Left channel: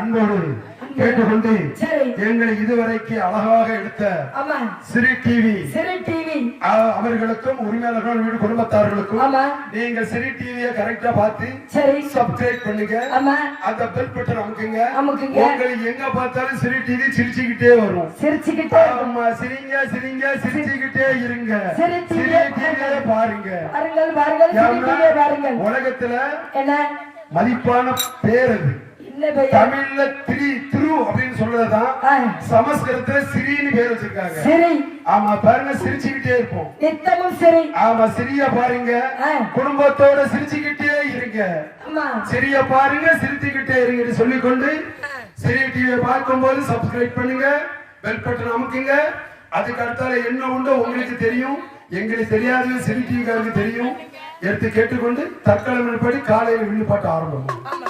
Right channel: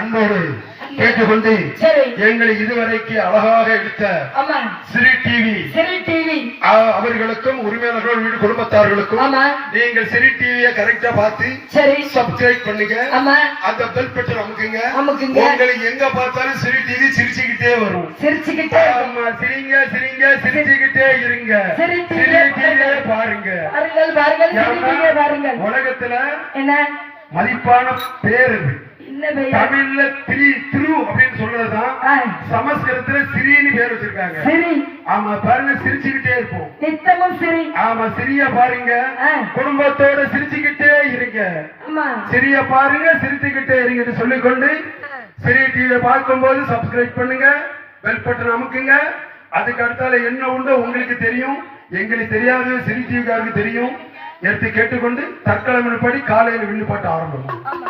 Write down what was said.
அன்போடு கேட்டுக்கொண்டு எங்களை இதுவரைக்கு அழகாக எடுத்த சிறு டிவி சரி டிவி. அவர்களுக்கும் உரிமையாளர்கள் வீடு குடும்பத்தார்களுக்கும் நீங்கள் சிறு டிவியை கரெக்டா பார்த்து சரி. சப்ஸ்கிரைப் பண்ணுங்க. அந்த பெல் பட்டன் அமுக்குங்க. உங்களுக்கு எங்க பார்த்தாலும் சிறு டிவி சிரிச்சுக்கிட்டே வரும். சிரிச்சுக்கிட்டே ஆமா சிரிங்க சிரிங்க சிரிச்சுக்கிட்டே இருங்க. சிறு சிறு டிவியை பாருங்க. பாருங்கள். உலகத்துல என்ன? மதிப்பான பேர் அது. தமிழ்ல திரி திரு அப்படின்னு சொல்றதுதான் சமஸ்கிருதத்துல சிறின்னு பேர் வச்சிருக்காங்க. சரி ஆமா பாருங்க சிரிச்சுக்கிட்டே இருப்போம். நித்தமும் சரி ஆமா சிறிய பாருங்க. குடும்பத்தோட சிரிச்சுக்கிட்டே இருங்க. சிறிய பாருங்க சிரிச்சுக்கிட்டே இருங்கன்னு சொல்லிக்கொண்டு சிறிய டிவியை பார்க்கும்போது சப்ஸ்கிரைப் பண்ணுங்க. பெல் பட்டன் அமுக்குங்க. அதுக்கு அடுத்தால என்ன உண்டோ உங்களுக்கு தெரியும். எங்களுக்கு தெரியாது சிறி டிவிக்காருக்கு தெரியும். எடுத்து கேட்டுக்கொண்டு தற்காலம் படி காலையில விண்ணு பாட்டு ஆரம்பம் ஆமா.